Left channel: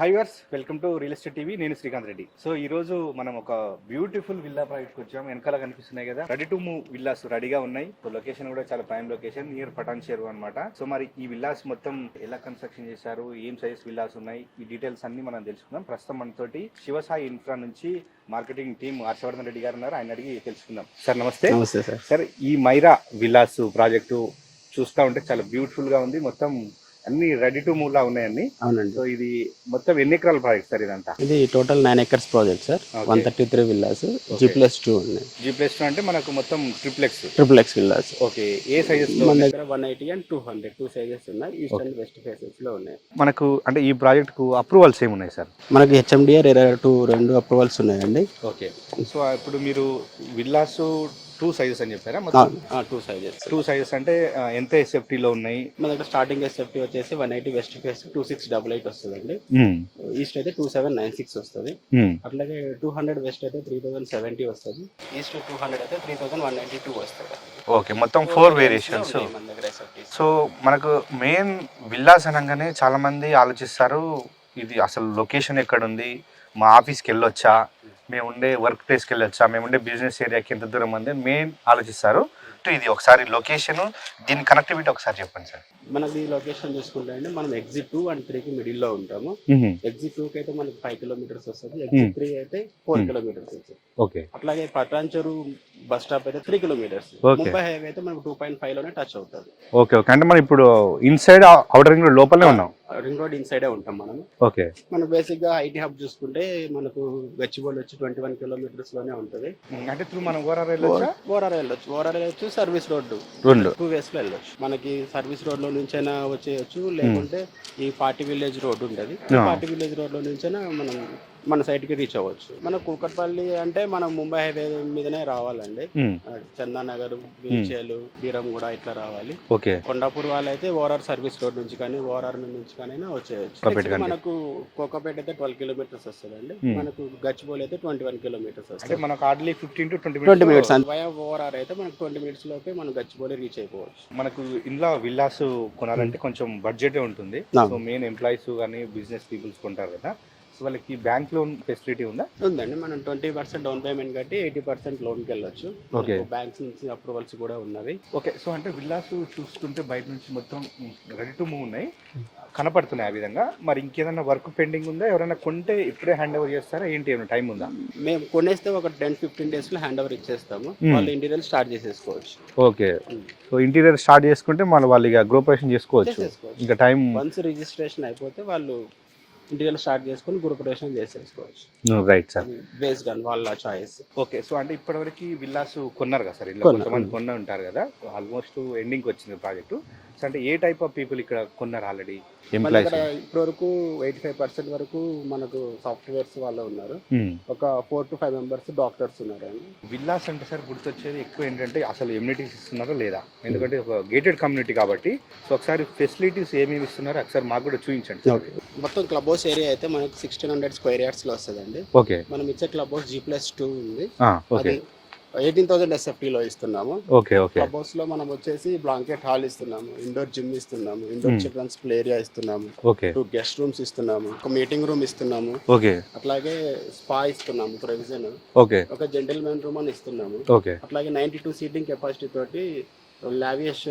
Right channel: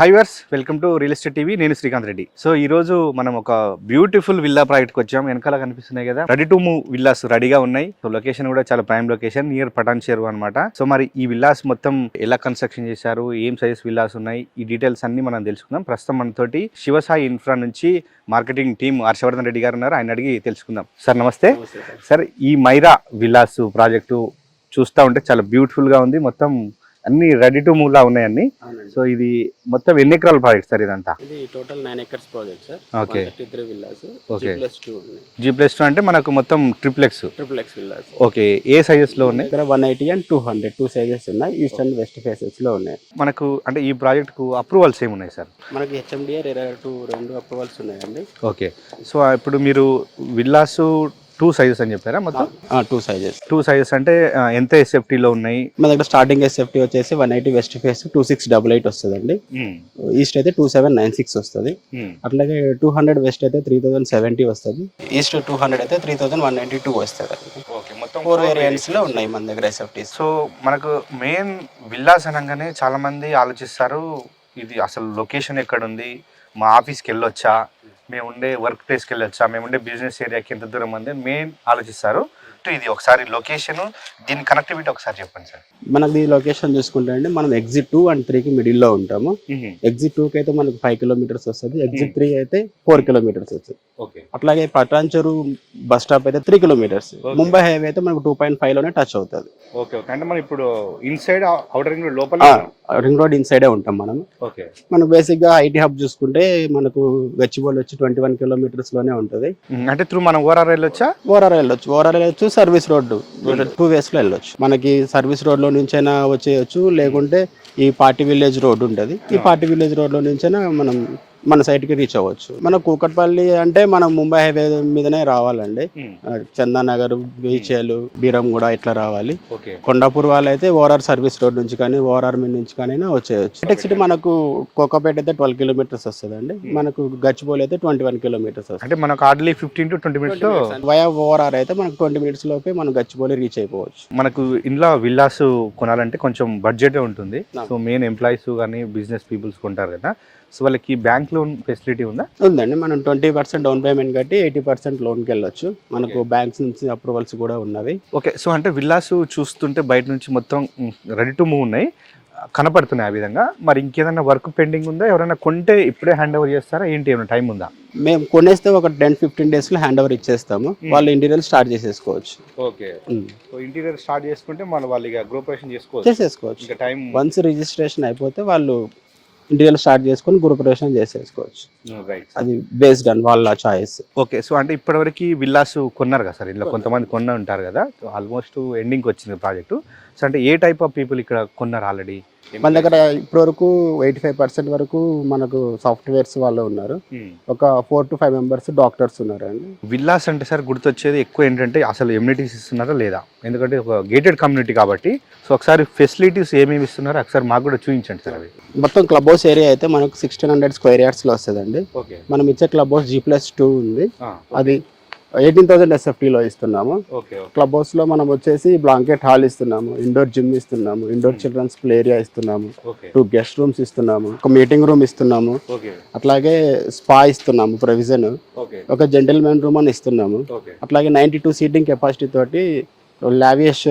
High viewers welcome to real estate TV. నేను Srikanth Reddy. So ఈ రోజు మనం ఒక బ్యూటిఫుల్ విల్లా ప్రాజెక్ట్కి వచ్చాం. వెనకాల కనిపిస్తున్నాయి కదా, రెడీ టు మూవ్ విల్లాస్ రెడీగా ఉన్నాయి. సో లొకేషన్ కూడా చాలా ప్రైమ్ లొకేషన్ నియర్ పటాన్ చెరువు అనమాట. సో మరి ఈ విల్లాస్ మొత్తం ఎలా కన్స్ట్రక్షన్ చేశారు, ఏం సైజెస్ విల్లాస్ ఉన్నాయి, ఈ డీటెయిల్స్ అన్ని మనం తెలుసుకుందాం. ప్రస్తుతం మనతోటి శివసాయి ఇన్ఫ్రా నుంచి మార్కెటింగ్ టీమ్ హర్షవర్ధన్ రెడ్డి గారు ఉన్నారు. ఆయన అడిగి తెలుసుకుందాం. సార్ నమస్తే. నమస్తే సార్. సార్ ఈ మైరా విల్లాస్ ప్రాజెక్టు చూస్తూ ఉంటే చాలా బ్యూటిఫుల్ గా ఉంది. మొత్తం అన్ని రెడీ టు మూవ్ లా ఉన్నాయి అన్ని. అవునండి. సో ఇది మొత్తం ఎన్ని ఎకరాల ప్రాజెక్ట్ సార్ ఇదంతా? ఇది total 9 acres project sir. 133 villas, G+2 ఉన్నాయి. G+2 అంటే మనకు మొత్తం ట్రిప్లెక్స్ విల్లాస్. ఓకే. ఏ సైజెస్ లో మన దగ్గర 180 and 200 2 సైజెస్ ఉన్నాయి. ఈస్ట్ అండ్ వెస్ట్ ఫేసెస్ లో ఉన్నాయి. మనకు అంటే ఈ ప్రాజెక్ట్ కు అప్రూవల్స్ ఏమున్నాయి సార్? మనకి HMDR రెండు అప్రూవల్స్ ఉన్నాయండి. ఓకే. సో ఇప్పుడు మీరు విల్లాస్ 2 సైజెస్ అని చెప్పారా? మొత్తం 2 సైజెస్ అంటే ఎంత SFT లో ఉన్నాయి? మన దగ్గర స్టార్టింగ్ SFT వచ్చేసి 180 వెస్ట్ ఫేస్ 2688 వస్తుందండి. ఈస్ట్ అయితే 2796 వస్తుంది. అట్లాగే 200 వెస్ట్ అయితే 3070 వస్తుంది. ఈస్ట్ 200 అయితే 3192 వస్తుంది. ఓకే. మొత్తం 4 వేరియేషన్స్ లో ఉన్నాయి మన దగ్గర SFT. సో మనకు మెయిన్ విల్లాస్ అనగానే చాలా మంది ఆలోచిస్తారు, ఇది అసలు లొకేషన్ ఎక్కడ ఉంది, మా ఆఫీస్కి వెళ్ళొచ్చా, మేము ఉండే వర్క్ ప్లేస్కి వెళ్ళొచ్చా, మేము ఉండే బిజినెస్ ఏరియాకి ఎంత దూరం ఉంది మెయిన్ ఆలోచిస్తారు. ఇది ఒకసారి లొకేషన్, దీని కనెక్టివిటీ ఒకసారి చెప్పండి సార్. మనకి లొకేషన్ చూసుకుంటే అండి, మనం ఎగ్జిట్ 2 and 3 కి మిడిల్ లో ఉంటాము. ఎగ్జిట్ 2 కి అయితే మనకి 5 kilometers వస్తుంది. ఎగ్జిట్ 3 అయితే 4 kilometers వస్తుంది. ఓకే. అట్లాగే పటాన్ చెరువు బస్ స్టాప్ అయితే 3 kilometers. ముంబై హైవే అయితే మనకు 2.5 లోనే టచ్ అవుతుంది. Okay okay. అంటే మనం ఇప్పుడు ఇన్సైడ్ అవుటర్ రింగ్ రోడ్ లోపల రింగ్ రోడ్ ఇన్సైడే ఉంటాం మనం. ఓకే. మనం బేసిక్ గా ఐటీ హబ్ చూసుకుంటే మనకు గచ్చిబౌలి వచ్చి 21 kilometers లోనే ఉంటుంది. అంటే త్రూ మనం ఓఆర్ఆర్ వెళ్ళొచ్చా? ఓఆర్ఆర్ వెళ్ళొచ్చు, సర్వీస్ రోడ్డు 2 ways లో వెళ్ళొచ్చు. మనకి సర్వీస్ రోడ్ లో నుంచైనా వచ్చేయచ్చు, లేకుంటే ఈ పార్టీ విలేజ్ రోడ్ ఉంటుంది. ఈ పార్టీ విలేజ్ రోడ్ లో నుంచైనా మనం మన సైట్ కి రీచ్ అవ్వచ్చు. మన కూకట్పల్లి అంటే మనం ముంబై హైవే మీదనే రావాలండి. చందానగర్, బీచేలు, బీరంగూడ ఇట్లా రావాలి. కొండాపూర్ వాళ్ళైతే ఓఆర్ఆర్ సర్వీస్ రోడ్ నుంచి కానీ ఓఆర్ఆర్ మీ నుంచి కానీ వచ్చేయచ్చు. నెక్స్ట్ మనకు కోకాపేట అయితే 12 kilometers వస్తుందండి. మనకు గచ్చిబౌలి అయితే 21 kilometers వస్తుంది. అంటే మనకు hardly 15 to 20 minutes via ORR అయితే మనకు 20 minutes లోపే మనం గచ్చిబౌలి రీచ్ అయిపోవచ్చు. మనకు ఇంట్లో విల్లాస్ కొనాలంటే కొంచెం బడ్జెట్ ఉంటుంది. సో మెయిన్ ఎంప్లాయీస్ కానీ బిజినెస్ పీపుల్స్ కొంటారు కదా, సో వాళ్ళకి బ్యాంక్ లోన్ ఫెసిలిటీ ఉందా? ఉందండి. మనం 20% డౌన్ పేమెంట్ కట్టి 80% లోన్కి వెళ్ళొచ్చు. మనకు బ్యాంక్స్ నుంచి అప్రూవల్స్ కూడా ఉన్నవి. ఓకే. సో అంటే విల్లాస్ చూస్తుంటే బయట నుంచి మొత్తం రెడీ టు మూవ్ ఉన్నాయి, కనపడుతున్నాయి ఆ విధంగా. మరి ఇంకేదైనా వర్క్ పెండింగ్ ఉందా? ఎవరైనా కొంటే ఇప్పుడే హ్యాండ్ ఓవర్ చేస్తారా ఏంటి, ఏమైనా టైం ఉందా? మేము కొనేస్తే ఒక 10-15 days లో హ్యాండ్ ఓవర్ ఇచ్చేస్తాము. వాళ్ళు ఇంటీరియర్ స్టార్ట్ చేసేసుకోవచ్చు. ఓకే. సో ఇంటీరియర్ స్టార్ట్ చేసుకుంటే వాళ్ళు ఇక గృహప్రవేశం చేసుకోవచ్చు. ఇంకా టైం వన్స్ రిజిస్ట్రేషన్ అయిపోతే వాళ్ళు ఇంటీరియర్ స్టార్ట్ చేసుకొని గృహప్రవేశం చేసేసుకోవచ్చు. రైట్. అది బేస్డ్ ఆన్ వాళ్ళ చాయిస్. ఓకే. సో అంటే ఇప్పటివరకు విల్లాస్ కొన్నారు కదా సార్, ఇంట్లో కొంతమంది కొన్న ఉంటారు కదా, ఆల్మోస్ట్ ఎండింగ్ వచ్చింది ప్రాజెక్టు. సో అంటే ఏ టైప్ ఆఫ్ పీపుల్ ఇక్కడ కొన్నారు ఆల్రెడీ? మన దగ్గర ఇప్పటివరకు 85% వరకు మనకు సాఫ్ట్వేర్స్ వాళ్ళు ఉన్నారు. ఒక 4 to 5 members డాక్టర్స్ ఉన్నారండి. విల్లాస్ అంటే సార్ గుర్తొచ్చేది ఎక్కువ ఏంటంటే అసలు ఎమ్యూనిటీస్ ఇస్తున్నారా లేదా, ఎందుకంటే ఒక గేటెడ్ కమ్యూనిటీ కాబట్టి. సో ఒకసారి ఫెసిలిటీస్ ఏమేమి ఇస్తున్నారో ఒకసారి మాకు కూడా చూపించండి సార్. మొత్తం క్లబ్ హౌస్ ఏరియా అయితే మనకు 1600 square yards లో వస్తుందండి. ఓకే. మనం ఇచ్చే క్లబ్ హౌస్ G+2 ఉంది. అది 18,000 SFT లో ఇస్తున్నాము. క్లబ్ హౌస్ లో మనం వచ్చేసి బ్లాంకెట్ హాల్ ఇస్తున్నాము, ఇండోర్ జిమ్ ఇస్తున్నాము, ఇండోర్ చిల్డ్రన్స్ ప్లే ఏరియా ఇస్తున్నాము, 2 guest rooms ఇస్తున్నాము, ఒక మీటింగ్ రూమ్ ఇస్తున్నాము, అట్లాగే స్పా ఇస్తున్నాము ప్రొవిజన్, ఒక జెంటిల్మెన్ రూమ్ అని ఇస్తున్నాము, అట్లాగే 92 seating కెపాసిటీ తోటి లావియస్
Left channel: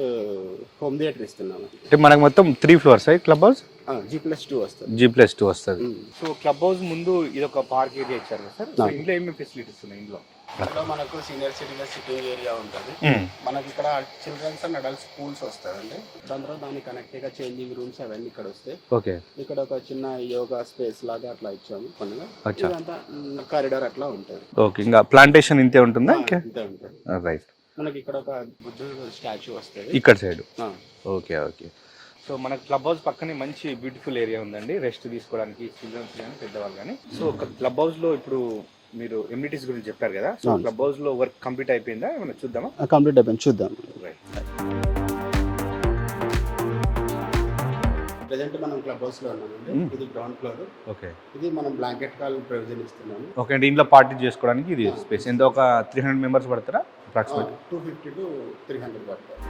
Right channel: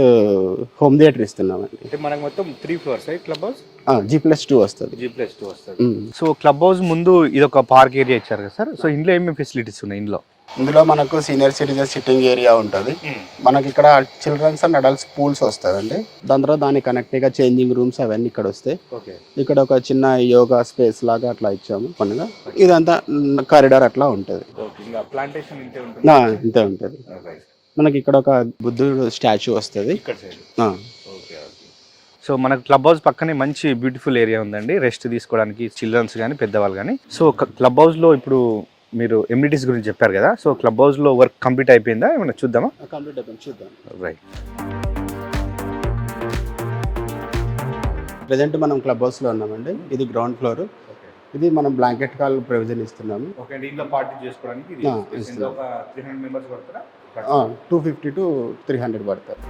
హోమ్ థియేటర్ ఇస్తున్నాము. అంటే మనకు మొత్తం 3 floors క్లబ్ హౌస్. G+2 వస్తుంది. G+2 వస్తుంది. సో క్లబ్ హౌస్ ముందు ఇది ఒక పార్క్ ఏరియా ఇచ్చారు కదా సార్. సో ఇందులో ఏమేమి ఫెసిలిటీస్ ఉన్నాయి? ఇందులో మనకు సీనియర్ సిటిజన్ సిట్టింగ్ ఏరియా ఉంటుంది. మనకి ఇక్కడ చిల్డ్రన్స్ అండ్ అడల్ట్స్ పూల్స్ వస్తాయండి. దాని తర్వాత దాని కనెక్ట్గా చేంజింగ్ రూమ్స్ అవన్నీ ఇక్కడ వస్తాయి. ఇక్కడ ఒక చిన్న యోగా స్పేస్ లాగా అట్లా ఇచ్చాము పనుగా. ఇదంతా కారిడార్ అట్లా ఉంటుంది. ఇంకా ప్లాంటేషన్ ఇంతే ఉంటుంది. ఇంతే ఉంటుంది. మనకి ఇక్కడ ఒక బుద్ధుడు స్టాచ్యూ వస్తుంది ఇక్కడ సైడ్. ఓకే. సో మనకు క్లబ్ హౌస్ పక్కనే మంచి బ్యూటిఫుల్ ఏరియా ఉందండి, రెస్ట్ తీసుకోవడానికి చిల్డ్రన్స్ కానీ పెద్దవాళ్ళు కానీ. సో క్లబ్ హౌస్ లో ఇప్పుడు మీరు ఎమ్యూనిటీస్ గురించి చెప్పారు కదా, సో క్లబ్ హౌస్ లో వర్క్ కంప్లీట్ అయిపోయిందా, ఏమైనా చూద్దామా? కంప్లీట్ అయిపోయింది, చూద్దాం. రైట్. ప్రెసెంట్ మనం క్లబ్ హౌస్ లో ఉన్నామండి. ఇది గ్రౌండ్ ఫ్లోర్. ఓకే. ఇది మనం బ్లాంకెట్ కాల్ ప్రొవిజన్ ఇస్తున్నాము. ఓకే. ఇంట్లో పార్టీ చేసుకోవడానికి ఇది స్పేస్. ఎంత ఒక 300 members పడతారా? 250 to 300 పడతారు.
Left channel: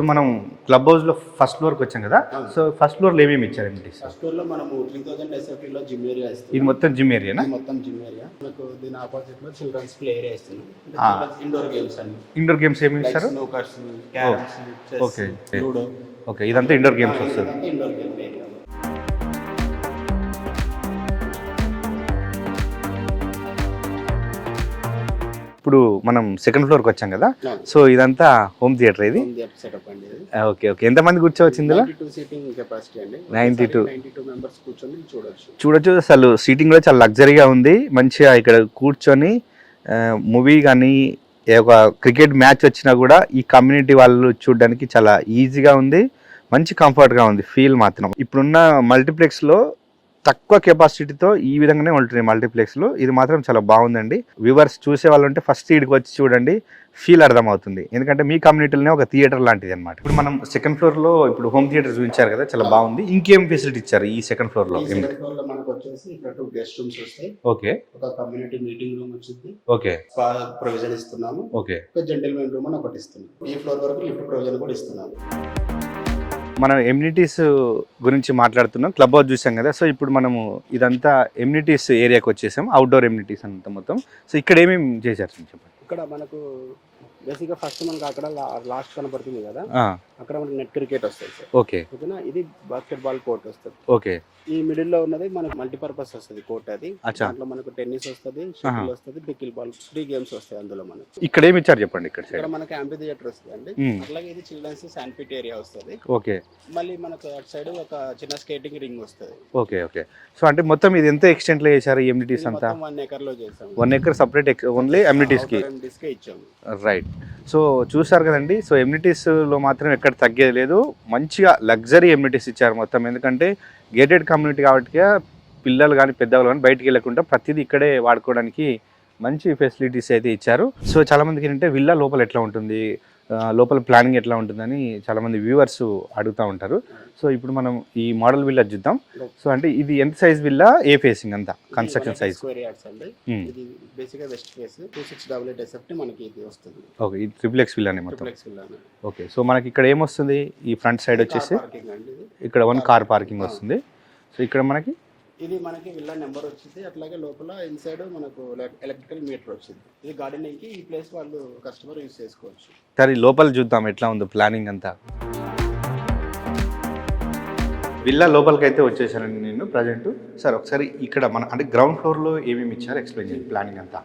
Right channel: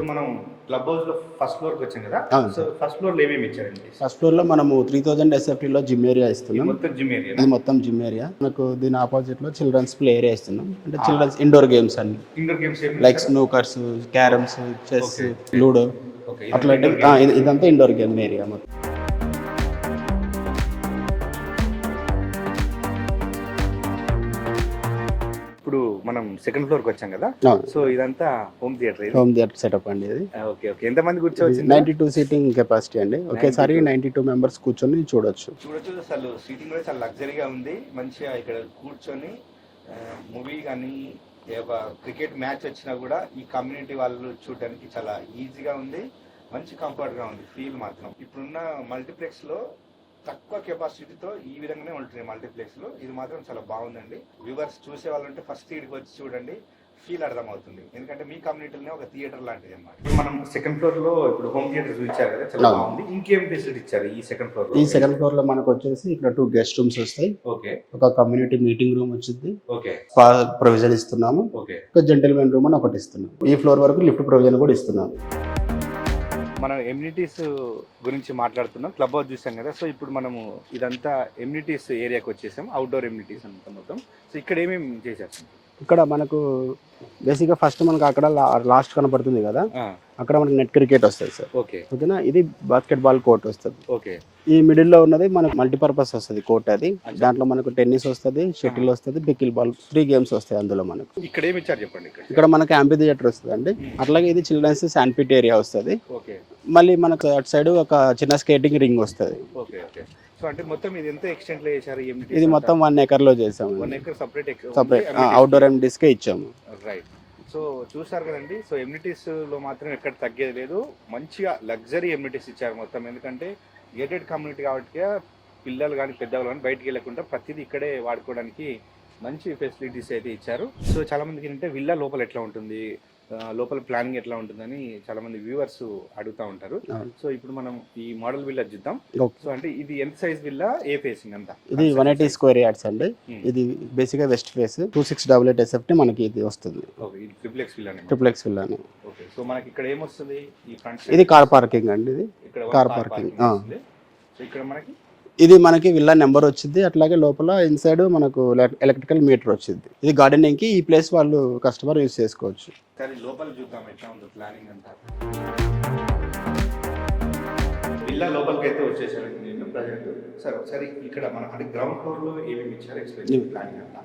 ఇప్పుడు మనం క్లబ్ హౌస్ లో ఫస్ట్ ఫ్లోర్ కి వచ్చాం కదా, సో ఫస్ట్ ఫ్లోర్ లో ఏమేమి ఇచ్చారు amenities? ఫస్ట్ ఫ్లోర్ లో మనము 3000 SFT లో జిమ్ ఏరియా ఇది ఇస్తున్నాం. మొత్తం జిమ్ ఏరియా. ఇది మొత్తం జిమ్ ఏరియా. మనకు దీని ఆపోజిట్ లో చిల్డ్రన్స్ ప్లే ఏరియా ఇస్తున్నాం. అంటే చిల్డ్రన్స్ ఇండోర్ గేమ్స్ అన్ని, ఇండోర్ గేమ్స్ ఏమి like snookers, carroms, chess, ludo. Okay, ఇదంతా ఇండోర్ గేమ్. ఇదంతా ఇండోర్ గేమ్ ఏరియా మొత్తం. ఇప్పుడు మనం సెకండ్ ఫ్లోర్ కి వచ్చాం కదా, అవును. సో ఇదంతా హోమ్ థియేటర్ ఇది. హోమ్ థియేటర్ సెటప్ అండి ఇది. ఓకే ఓకే, ఎంత మంది కూర్చోవచ్చింది? 92 సీటింగ్ కెపాసిటీ అండి. ఒకేసారి 92 మెంబర్స్ కూర్చొని చూడొచ్చు. అసలు సీటింగ్ కూడా చాలా లగ్జరీగా ఉంది. మంచిగా ఇక్కడ కూర్చొని మూవీ కానీ ఒక క్రికెట్ మ్యాచ్ వచ్చినా కూడా ఈ కమ్యూనిటీ వాళ్ళు చూడడానికి చాలా ఈజీగా ఉంది, మంచి కంఫర్ట్గా ఉంది ఫీల్ మాత్రం. ఇప్పుడున్న మల్టీప్లెక్స్లో తక్కువ కెపాసిటీతో ఈ విధంగానే ఉంటున్నాయి మల్టీప్లెక్స్లో. ఇది మాత్రం చాలా బాగుందండి. వ్యూవర్స్ చూసే వాళ్ళు ఉంటే ఫస్ట్ ఇక్కడికి వచ్చి చూడండి, ఫీల్ అర్థమవుతుంది. ఎందుకంటే మీ కమ్యూనిటీలోనే ఒక థియేటర్ లాంటిది అనమాట. ఇప్పుడు మనం సెకండ్ ఫ్లోర్ లో ఇప్పుడు హోమ్ థియేటర్ చూపించారు కదా, చాలా బాగుంది. ఇంకేం ఫెసిలిటీ ఇచ్చారు ఈ సెకండ్ ఫ్లోర్ లో? ఈ సెకండ్ ఫ్లోర్ లో మనకు వచ్చేసి ఇక్కడ 2 గెస్ట్ రూమ్స్ వస్తాయి. ఓకే, ఒక కమ్యూనిటీ మీటింగ్ రూమ్ వచ్చింది. ఓకే, స్పా ప్రొవిజన్ ఇస్తున్నాము. ఓకే, ఒక జెంటిల్మెన్ రూమ్ అని ఒకటి ఇస్తున్నాం. ఈ ఫ్లోర్ వరకు లిఫ్ట్ ప్రొవిజన్ కూడా ఇస్తున్నాము. మనం ఎమ్యూనిటీస్ గురించి మాట్లాడుతున్నాం. క్లబ్ హౌస్ చూసాం కదా, సో ఇప్పుడు మనము ఇదంతా ఎమ్యూనిటీస్ ఏరియాకి వచ్చేసాం, అవుట్డోర్ ఎమ్యూనిటీస్ అంతా మొత్తం. సో ఇక్కడ ఏమేమి చేశారు? ఇక్కడ మనకు బేసిక్గా ఫస్ట్ మనకు అక్కడ లాస్ట్ కనపడుతుంది కదా, అక్కడ మనకి నెట్ క్రికెట్ వస్తుంది సార్. ఓకే, ఓకేనా. ఇది బాస్కెట్ బాల్ కోర్ట్ వస్తుంది. ఓకే. ఈ మిడిల్ లో ఉన్నది మనకు మల్టీపర్పస్ వస్తుంది కోర్ట్. అది దాంట్లో మనకు టెన్నిస్ వస్తుంది, షటిల్ వస్తుంది, పికిల్ బాల్, 3 గేమ్స్ వస్తాయి అందులో మనకు. ఇక్కడ ఏమి ఇచ్చారు చెప్పండి? ఇక్కడ మనకి యాంపీ థియేటర్ వస్తుంది అండి. అట్లాగే ఇది చిల్డ్రన్స్ శాండ్పిట్ ఏరియా వస్తుంది. ఓకే. మళ్ళీ మనకు అటు సైడ్ ఒక చిన్న స్కేటింగ్ రింగ్ వస్తుంది. Okay okay. సో అంటే మొత్తం ఇది ఎంత ఎక్స్టెంట్ లో చేశారు? ఇది మొత్తం 1 acre లో చేసాము. 1 acre సపరేట్ అవుట్డోర్ ఎమ్యూనిటీస్ కే ఇచ్చాము. రైట్. సో చూసారు కదండి, సో ఎమ్యూనిటీస్లో మాత్రం ఎక్కడ తగ్గేది లేదు, మంచిగా లగ్జరీ ఎమ్యూనిటీస్ ఇచ్చారు మొత్తం. ఎందుకంటే గేటెడ్ కమ్యూనిటీ కాబట్టి పిల్లలు కానీ పెద్దవాళ్ళు కానీ బయటికి వెళ్ళకుండా ప్రతిదీ ఇక్కడే వాడుకోవడానికి మంచి ఫెసిలిటీస్ అయితే ఇచ్చారు. సో చాలామందికి ఏంటంటే విల్లా లోపల ఎట్లా ఉంటుంది, లోపల ప్లానింగ్ ఎట్లా ఉంటుందని చాలామంది వ్యూవర్స్ అడుగుతూ ఉంటారు. సో ఇప్పుడు మనం ఈ మోడల్ విల్లా చూద్దాం. సో అంటే ఇది ఎంత సైజ్ విల్లా, ఏ ఫేసింగ్ అంతా? 180 స్క్వేర్ యార్డ్స్ అండి. ఇది బేసిక్గా వెస్ట్ ఫేస్, 2688 SFT మనకి ఇది వస్తుంది. ఓకే, ఇది ట్రిప్లెక్స్ విల్లానే. ట్రిప్లెక్స్ విల్లానే. ఓకే. సో మనకి ఇక్కడ ఏమొస్తుంది? ఈ ఫ్రంట్ సైడ్ కార్ పార్కింగ్ అండి. ఇది ఇక్కడ కార్ పార్కింగ్ వస్తుంది. సో ఇక్కడ మనకి ఇది మనకి విల్లా నెంబర్ వచ్చింది. అట్లాగే లోపల ఇన్సైడ్ మనకు ఎలక్ట్రికల్ మీటర్ వచ్చింది. ఇది గార్డెనింగ్ కి ఈ ప్లేస్ వాళ్ళు కస్టమర్ యూజ్ చేసుకోవచ్చు. సరే లోపల చూద్దాం ఎట్లా ఉందో ప్లానింగ్ అంతా. విల్లా లోపలికి అయితే వచ్చేసానండి నేను ప్రజెంట్. సార్ ఒకసారి ఇక్కడ మన అంటే గ్రౌండ్ ఫ్లోర్ లో ఏమేమి ఇచ్చారు ఎక్స్ప్లెయిన్ చేయండి ప్లానింగ్ అంతా.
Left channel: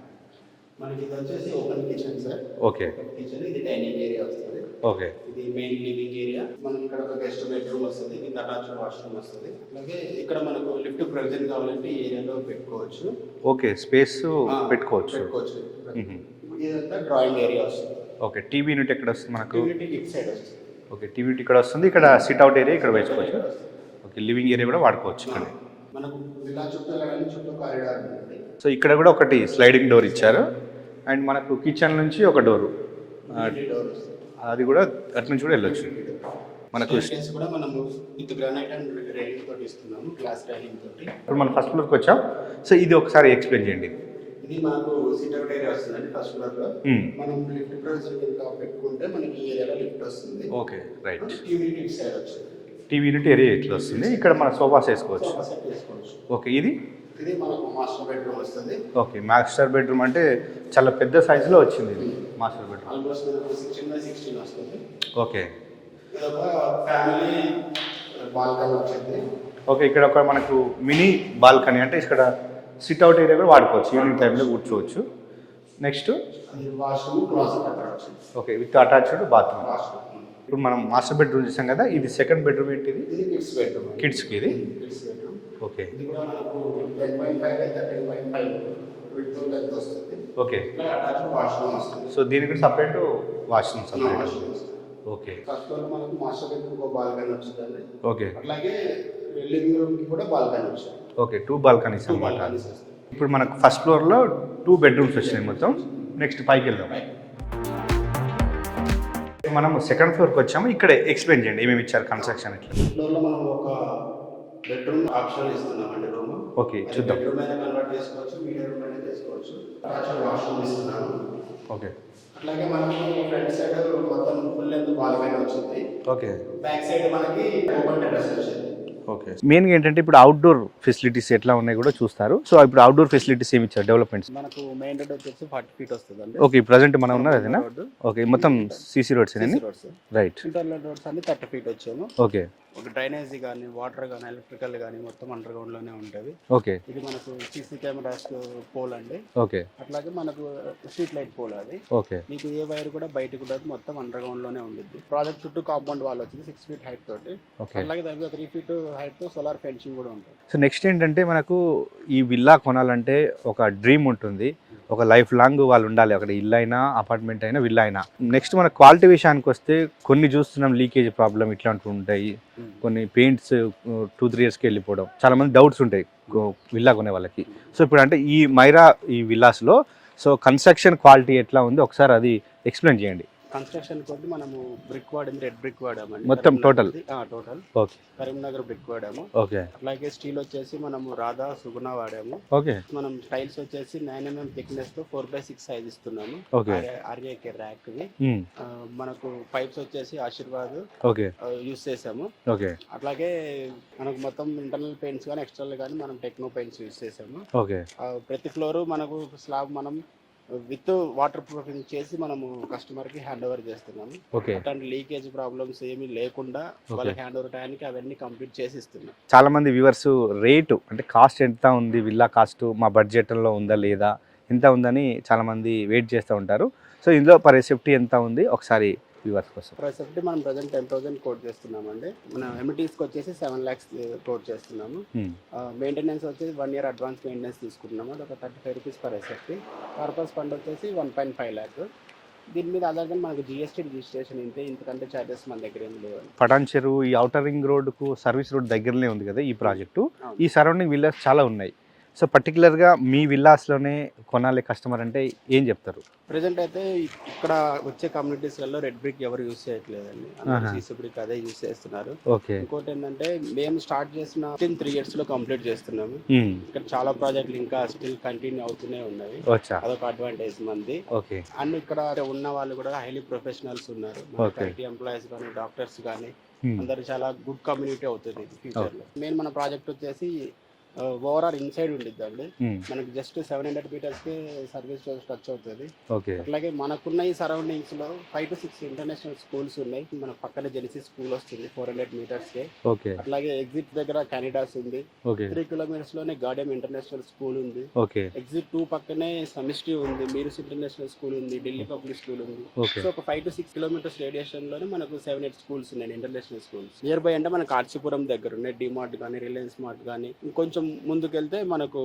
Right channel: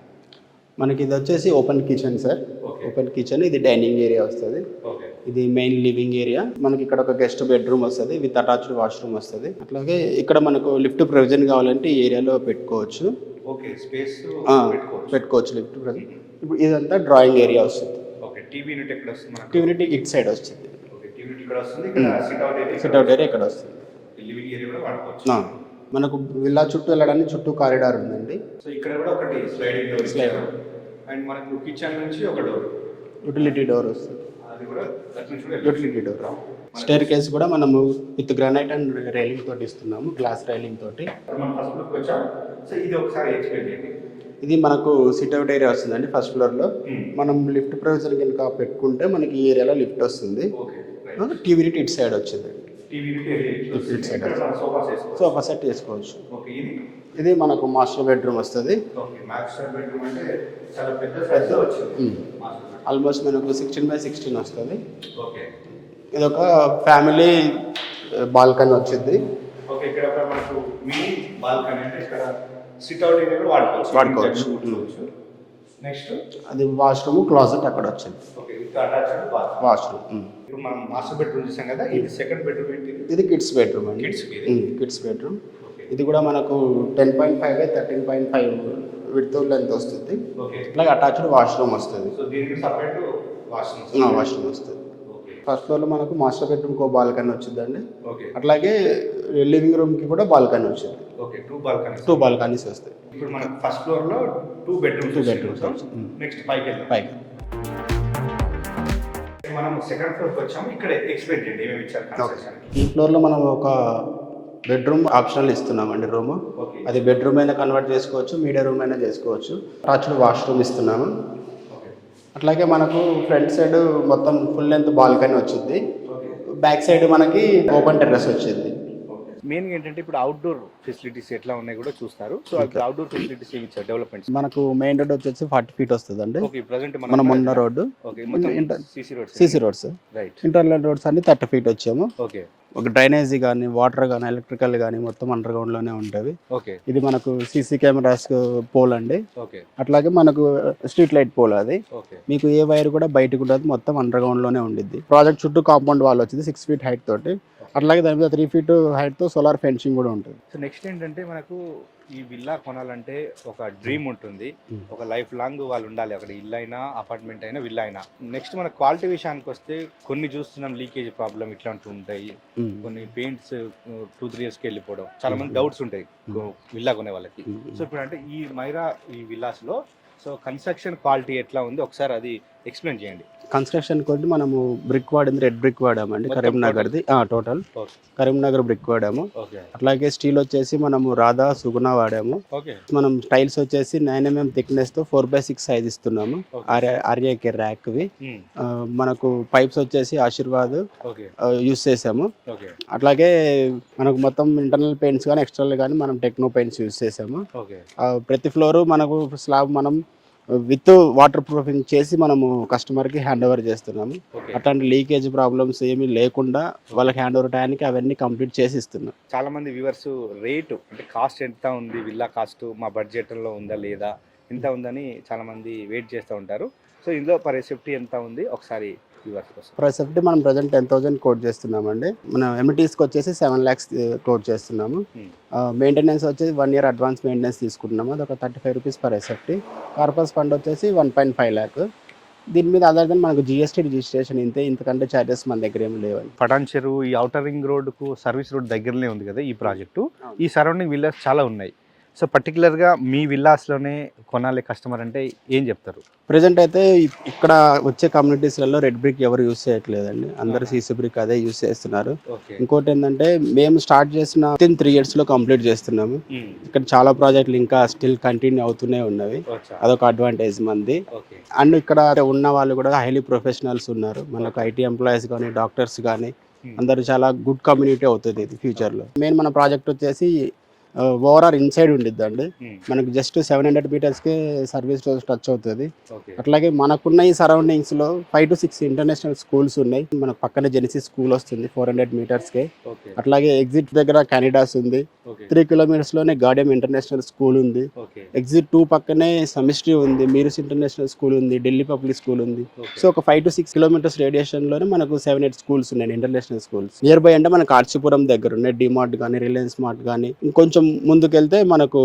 మనకి ఇది వచ్చేసి open kitchen sir. Okay, open kitchen. ఇది డైనింగ్ ఏరియా వస్తుంది. ఓకే. ఇది మెయిన్ లివింగ్ ఏరియా. మనకి ఇక్కడ ఒక గెస్ట్ బెడ్రూమ్ వస్తుంది విత్ అటాచ్డ్ వాష్రూమ్ వస్తుంది. అట్లాగే ఇక్కడ మనకు లిఫ్ట్ ప్రొవిజన్ కావాలంటే ఈ ఏరియాలో పెట్టుకోవచ్చు. ఓకే, స్పేస్ పెట్టుకోవచ్చు లిఫ్ట్ ప్రొవిజన్. ఇప్పుడు ఇదంతా డ్రాయింగ్ ఏరియా వస్తుంది. ఓకే. టీవీ యూనిట్ ఎక్కడ వస్తుంది మనకు? టీవీ యూనిట్ ఇట్ సైడ్ వస్తుంది. ఓకే, టీవీ యూనిట్ ఇక్కడ వస్తుంది. ఇక్కడ సిట్ అవుట్ ఏరియా ఇక్కడ వస్తుంది. ఓకే, లివింగ్ ఏరియా కూడా వాడుకోవచ్చు. మనకు విల్లా చుట్టూ వెళ్ళడానికి చుట్టూ కారిడార్ ఉందండి. సో ఇక్కడ కూడా ఒకటి స్లైడింగ్ డోర్ ఇచ్చారు. అండ్ మనకు కిచెన్ నుంచి ఒక డోరు, యూటిలిటీ డోర్ వస్తుంది. అది కూడా అటు నుంచి కూడా వెళ్ళచ్చు. Utility door. స్టైర్ కేస్ కూడా మనము విత్ గ్రానైట్ అండ్ రైలింగ్ తోటి ఇస్తున్నాము, గ్లాస్ రైలింగ్ తోటి. ఇప్పుడు మనం ఫస్ట్ ఫ్లోర్కి వచ్చాం. సో ఇది ఒకసారి ఎక్స్ప్లెయిన్ చేయండి. ఇది మనకు సిట్ అవుట్ ఏరియా వస్తుందండి ఫస్ట్ ఫ్లోర్ లో. మనం లిఫ్ట్ ప్రొవిజన్ కనుక పెట్టుకుంటే మనకి ఈ ఏరియాలో లిఫ్ట్ వస్తుంది. Okay, right. టీవీ యూనిట్ ఇటు సైడ్ వచ్చింది. టీవీ యూనిట్ ఏరియా ఇట్లా వస్తుంది. ఇక్కడ మనం సోఫాస్ వేసుకోవచ్చు. సోఫా సెట్ వేసుకోవచ్చు. ఓకే. ఇది మనకు మాస్టర్ బెడ్రూమ్ వస్తుంది. ఓకే, మాస్టర్ బెడ్రూమ్ అంటే చాలా పెద్ద సైజులో వచ్చింది మాస్టర్ బెడ్రూమ్. ఆల్మోస్ట్ మనకు 16x16 వస్తుంది. ఓకే. ఇది ఒక ఫ్యామిలీ బాల్కనీ వచ్చింది. ఓకే, ఇక్కడ ఒక మనకు మినీ బాల్కనీ అంటే ఇక్కడ సిట్ అవుట్ ఏరియా కూడా వాడుకోవచ్చు, కూర్చోవచ్చు. నెక్స్ట్ అది వాష్రూమ్, క్లాజెట్ అక్కడ వచ్చింది. Okay, with attached bathroom. Washroom. ఇప్పుడు మనం మాస్టర్ బెడ్రూమ్ చూసాం కదా, ఇది సెకండ్ బెడ్రూమ్ ఏంటిది? ఇది కిడ్స్ బెడ్రూమ్. కిడ్స్కి కిడ్స్ బెడ్రూమ్. ఓకే. ఇది కూడా మనకు 10.5 by 13.5 విడ్త్ లెంత్ వస్తుంది. ఓకే. ఇట్లా అటాచ్డ్ వాష్రూమ్ వస్తుంది. సో దీనికి సపరేట్ వాష్రూమ్ వస్తుంది. ఓకే. ఫస్ట్ ఫ్లోర్ లో మనకు మాస్టర్ బెడ్రూమ్ కో బాల్కనీ వచ్చిందండి. ఓకే. అట్లాగే లివింగ్ రూమ్ కి కూడా బాల్కనీ వచ్చింది. ఓకే, 2 బాల్కనీస్ వస్తాయి. ఇప్పుడు మనకు ఫస్ట్ ఫ్లోర్ లో 2 బెడ్రూమ్స్ వచ్చాయి మొత్తం. నెక్స్ట్ పైకి వెళ్దాం. మనం సెకండ్ ఫ్లోర్కి వచ్చాము. ఇక్కడ ఎక్స్ప్లెయిన్ చేయండి ఏమేమి ఇచ్చారు కన్స్ట్రక్షన్. ఈ ఫ్లోర్ లో మనం ఒక బెడ్రూమ్ ఆప్షనల్ ఇస్తున్నామండి రూమ్. ఓకే. అది బెడ్రూమ్ అయినా కన్వర్ట్ చేసుకోవచ్చు, మీడియా రూమ్ అయినా చేసుకోవచ్చు. అటాచ్డ్ వాష్రూమ్ ఇస్తున్నాము. ఓకే. అట్లాగే మనకు ఫ్రంట్ సైడ్ మొత్తం ఫుల్ లెంత్ బాల్కనీ వచ్చింది. ఓకే. బ్యాక్ సైడ్ మనకి ఓపెన్ టెర్రస్ వచ్చింది. ఓకే. మెయిన్గా ఏంటంటే ఇప్పుడు అవుట్డోర్ ఫెసిలిటీస్ ఎట్లా ఉన్నాయి కూడా చూస్తారు. సో ఇప్పుడు అవుట్డోర్ ఫెసిలిటీస్ ఏమి ఇచ్చారు డెవలప్మెంట్స్? మనకు మెయిన్ రోడ్ వచ్చేసి 40 feet వస్తుందండి. ఓకే. ప్రెసెంట్ మనం ఉన్న రోడ్డు ఓకే మొత్తం CC roads right. Internal roads అన్ని 30 feet వచ్చాము. ఓకే. ఒక డ్రైనేజీ కానీ వాటర్ కానీ ఎలక్ట్రికల్ కానీ మొత్తం అండర్ గ్రౌండ్ లోనే ఉంటుంది. ఓకే. ఇది మనకు సీసీ కెమెరాస్ పోల్ అండి. ఓకే. అట్లాగే మనకు స్ట్రీట్ లైట్ పోల్ అది. ఓకే. మీకు ఏ వైర్ కూడా బయటకు ఉండదు, మొత్తం అండర్ గ్రౌండ్ లోనే ఉండిద్ది. ప్రాజెక్ట్ చుట్టూ కాంపౌండ్ వాల్ వచ్చింది 6 feet హైట్ తోటి. అట్లాగే దాని మీద 3 feet హైట్ తో సోలార్ ఫెన్సింగ్ కూడా ఉంటుంది. సో నెక్స్ట్ ఏంటంటే మనకు ఈ విల్లా కొనాలంటే ఒక డ్రీమ్ ఉంటుంది, ఒక లైఫ్ లాంగ్ వాళ్ళు ఉండాలి అక్కడ, ఇల్లు అయినా అపార్ట్మెంట్ అయినా విల్లా అయినా. నెక్స్ట్ మన క్వాలిటీ విషయానికి వస్తే కొన్ని చూస్తున్నాం లీకేజ్ ప్రాబ్లం ఇట్లాంటివి ఉంటాయి, కొన్ని పెయింట్స్ 2-3 yearsకి వెళ్ళిపోవడం, చాలా మంది డౌట్స్ ఉంటాయి విల్లా కొనే వాళ్ళకి. సో ఇప్పుడు అంటే ఈ మైరా ఈ విల్లాస్లో సో కన్స్ట్రక్షన్ క్వాలిటీ ఎట్లా ఉంది ఒకసారి అది ఎక్స్ప్లెయిన్ చేయండి. కన్స్ట్రక్షన్ కొద్ది మనము బ్రిక్ వాడింది, రెడ్ బ్రిక్ వాడామండి. మొత్తం టోటల్ కరీంనగర్ బ్రిక్ వాడాము. ఓకే. అట్లాగే స్టీల్ వచ్చేసి మనము రాధా సుగుణ వాడాము. ఓకే. మనం టైల్స్ వచ్చేసి 9 mm థిక్నెస్ తో 4/6 సైజ్ ఇస్తున్నాము. ఆర్ఏకే ర్యాక్ వి. మనకు పైప్స్ వచ్చేసి ఆశీర్వాద్ ఓకే యూస్ చేసాము. ఓకే. అట్లాగే మనకు మొత్తం ఇంటర్నల్ పెయింట్స్ కానీ ఎక్స్టర్నల్ కానీ మనం టెక్నో పెయింట్స్ యూస్ చేసాము. ఓకే. ప్రతి ఫ్లోర్ మనకు స్లాబ్ మనం విత్ వాటర్ ప్రూఫింగ్ చేసి మనము కస్టమర్ కి హ్యాండ్ ఓవర్ చేస్తున్నాము. అట్లాంటి లీకేజ్ ప్రాబ్లమ్స్ ఏమీ లేకుండా వాళ్ళకి హ్యాండ్ ఓవర్ టైంకి అవన్నీ కంప్లీట్ చేసి ఇస్తున్నాం. చాలా మంది వ్యూవర్స్ రేటు అంటే కాస్ట్ ఎంత ఉంది, విల్లా కాస్ట్ మా బడ్జెట్లో ఉందా లేదా, ఎంత ఉందని చాలా మంది వెయిట్ చేస్తూ ఉంటారు. సో ఇందులో పర్ సేఫ్టీ ఎంత ఉంది ఒకసారి వ్యూవర్స్ కోసం. పర్ సేఫ్టీ మనం ప్రజెంట్ 10,000 కోట్ చేస్తున్నామండి. మనం ఎమ్యూనిటీస్కి వచ్చేసి 7 lakhs కోట్ చేస్తున్నాము. మెయింటెనెన్స్ వచ్చేసి 1 year అడ్వాన్స్ మెయింటెనెన్స్ తీసుకుంటున్నాము, అది ఒక 35 rupees per safety. Corpus fund వచ్చేసి 1.5 lakh. దీని మీద అదర్ దెన్ మనకు జిఎస్టీ రిజిస్ట్రేషన్ ఇంతకంటే ఛార్జెస్ మన దగ్గర ఏమి లేవండి. పటాన్ చెరువు ఈ ఔటర్ రింగ్ రోడ్కు సర్వీస్ రోడ్ దగ్గరనే ఉంది కదా ఈ ప్రాజెక్టు. ఈ సరౌండింగ్ విల్లాస్ చాలా ఉన్నాయి. సో పర్టికులర్గా మీ విల్లాస్లోనే కొనాలి కస్టమర్ అంటే ఏం చెప్తారు? ప్రజెంట్ అయితే ఇక్కడ వచ్చే కమ్యూనిటీస్లలో రెడ్ బ్రిక్ ఎవరు యూస్ చేయట్లేదండి, అందరు సీసీ బ్రిక్ అదే యూస్ చేస్తున్నారు. ఇంకోటి ఏంటంటే మేము స్టార్ట్ చేసిన 3 years లో కంప్లీట్ చేస్తున్నాము. ఇక్కడ చాలా ప్రాజెక్టులు ఇంకా స్టిల్ కంటిన్యూ అవుతూనే ఉన్నవి, అదొక అడ్వాంటేజ్ మంది. అండ్ ఇక్కడ ఉన్న వాళ్ళు కూడా హైలీ ప్రొఫెషనల్స్ ఉన్నారు, మనకు ఐటీ ఎంప్లాయీస్ కానీ డాక్టర్స్ కానీ అందరు చాలా గుడ్ కమ్యూనిటీ అవుతుంది ఇది ఫ్యూచర్ లో. మెయిన్ మన ప్రాజెక్ట్ వచ్చేసి ఓవరాల్ ఇన్సైడ్ ఉండిద్దండి. మనకు జస్ట్ 700 meters కి సర్వీస్ రోడ్ టచ్ అవుతుంది. అట్లాగే మనకున్న ఈ సరౌండింగ్స్ లో 5 to 6 ఇంటర్నేషనల్ స్కూల్స్ ఉన్నాయి. మన పక్కనే జెనిసిస్ స్కూల్ వస్తుంది 400 meters కి. అట్లాగే ఎగ్జిట్ దగ్గర కెనడాస్ ఉంది. 3 kilometers లోనే గార్డియం ఇంటర్నేషనల్ స్కూల్ ఉంది. ఎగ్జిట్ 2 పక్కనే సమిస్ట్రీ ఉంది, మీరుస్ ఇంటర్నేషనల్ స్కూల్ ఉంది, ఢిల్లీ పబ్లిక్ స్కూల్ ఉంది. సో ఒక 5 to 6 kilometers రేడియేషన్ లోనే మనకు 7-8 schools ఉన్నాయి, ఇంటర్నేషనల్ స్కూల్స్. నియర్ బై అంటే మనకు ఆర్చిపురం దగ్గర ఉన్నాయి డిమార్ట్ కానీ రిలయన్స్ మార్ట్ కానీ. ఇంకొంచెం ముందుకెళ్తే మనకు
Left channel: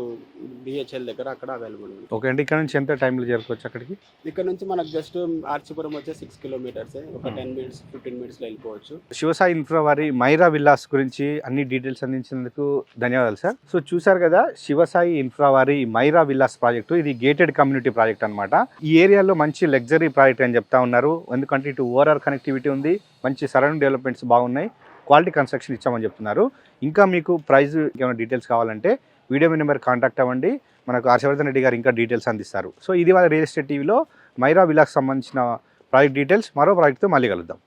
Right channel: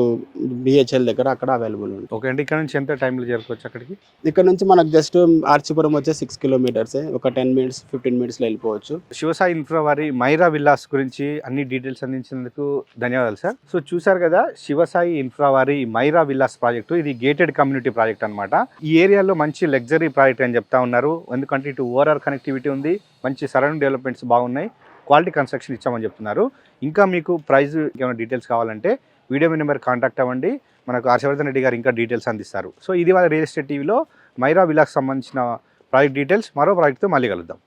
బిహెచ్ఎల్ దగ్గర అక్కడ అవైలబుల్ ఉంది. ఓకే అండి. ఇక్కడ నుంచి ఎంత టైంలో చేరుకోవచ్చు అక్కడికి? ఇక్కడ నుంచి మనకు జస్ట్ ఆర్చిపురం వచ్చే 6 kilometers, ఒక 10 minutes 15 minutes లో వెళ్ళిపోవచ్చు. శివసాయి ఇన్ఫ్రా వారి మైరా విల్లాస్ గురించి అన్ని డీటెయిల్స్ అందించినందుకు ధన్యవాదాలు సార్. సో చూసారు కదా శివసాయి ఇన్ఫ్రా వారి మైరా విల్లాస్ ప్రాజెక్టు. ఇది గేటెడ్ కమ్యూనిటీ ప్రాజెక్ట్ అనమాట. ఈ ఏరియాలో మంచి లగ్జరీ ప్రాజెక్ట్ అని చెప్తా ఉన్నారు, ఎందుకంటే ఇటు ఓఆర్ఆర్ కనెక్టివిటీ ఉంది, మంచి సరౌండింగ్ డెవలప్మెంట్స్ బాగున్నాయి, క్వాలిటీ కన్స్ట్రక్షన్ ఇచ్చామని చెప్తున్నారు. ఇంకా మీకు ప్రైస్ ఏమైనా డీటెయిల్స్ కావాలంటే వీడియో మీ నెంబర్ కాంటాక్ట్ అవ్వండి, మనకు హర్షవర్ధన్ రెడ్డి గారు ఇంకా డీటెయిల్స్ అందిస్తారు. సో ఇది వాళ్ళ రియల్ ఎస్టేట్ టీవీలో మైరా విల్లాస్ సంబంధించిన ప్రాజెక్ట్ డీటెయిల్స్. మరో ప్రాజెక్ట్తో మళ్ళీ కలుద్దాం.